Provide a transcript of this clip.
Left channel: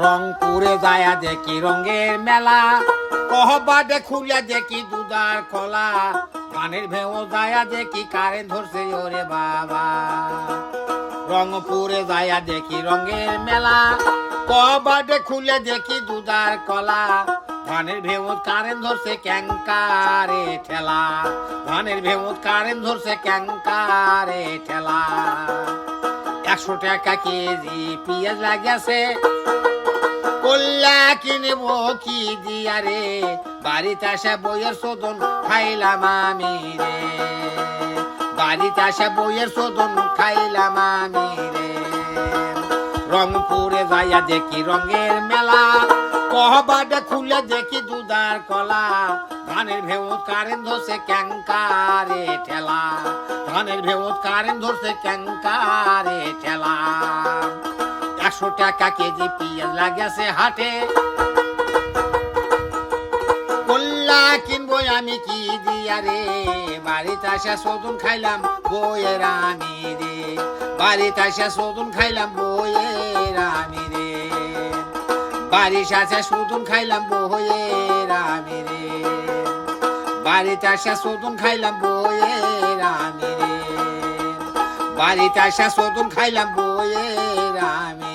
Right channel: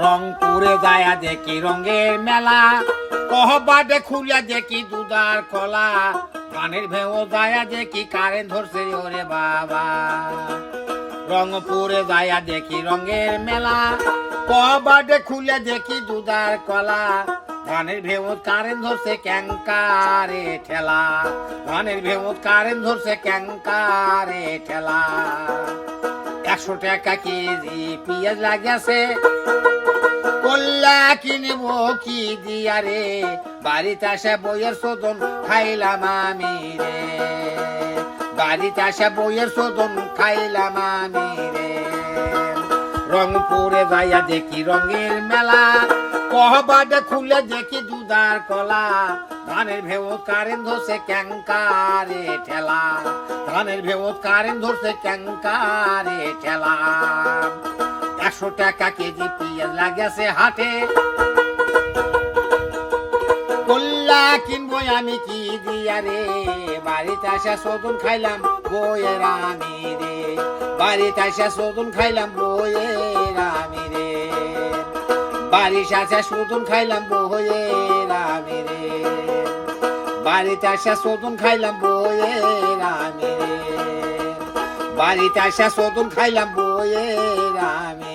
রংপুরে যায়া দেখি রঙের মেলা, কহবাদে খুলিয়া দেখি দুধার কলা, গানের ভেও যায়া দেখি কারেন্ট ধরছে ওরে বাবা। রংপুরে যায়া দেখি রঙের মেলা, কহবাদে খুলে দেখি দুধার কলা, ধানের ভেমত কারেন্ট ধরছে ক্যাঙ্কারে ঠেলা, ধানের ভেমত কারেন্ট ধরছে ক্যাঙ্কারে ঠেলা। 100 টাকা কেজি পেঁয়াজ লাগিয়াছে, কল্লা কিনব কি দিয়া রে, বাড়িতে আসা বইয়ের শোধন খাইলাম আমি রে, বাড়িতে আসা বইয়ের শোধন খাইলাম আমি রে। রংপুরে যাইয়া দেখি রঙের মেলা, কহবাদে খুলে দেখি দুধার কলা, ধানের ভেমত কারেন্ট ধরছে ক্যাঙ্কারে ঠেলা, ধানের ভেমত কারেন্ট ধরছে ক্যাঙ্কারে ঠেলা। 100 টাকা কেজি পেঁয়াজ লাগিয়াছে হাটে, কল্লা কিনবো আমি কি দিয়া রে, বাড়িতে আসা শোধন খাইলাম বইয়ের আমি রে, বাড়িতে আসা শোধন খাইলাম বইয়ের আমি রে, বাড়িতে আসা শোধন খাইলাম বইয়ের আমি রে, বাড়িতে আসা শোধন খাইলাম বইয়ের আমি রে, বাড়িতে আসা শোধন খাইলাম বইয়ের আমি।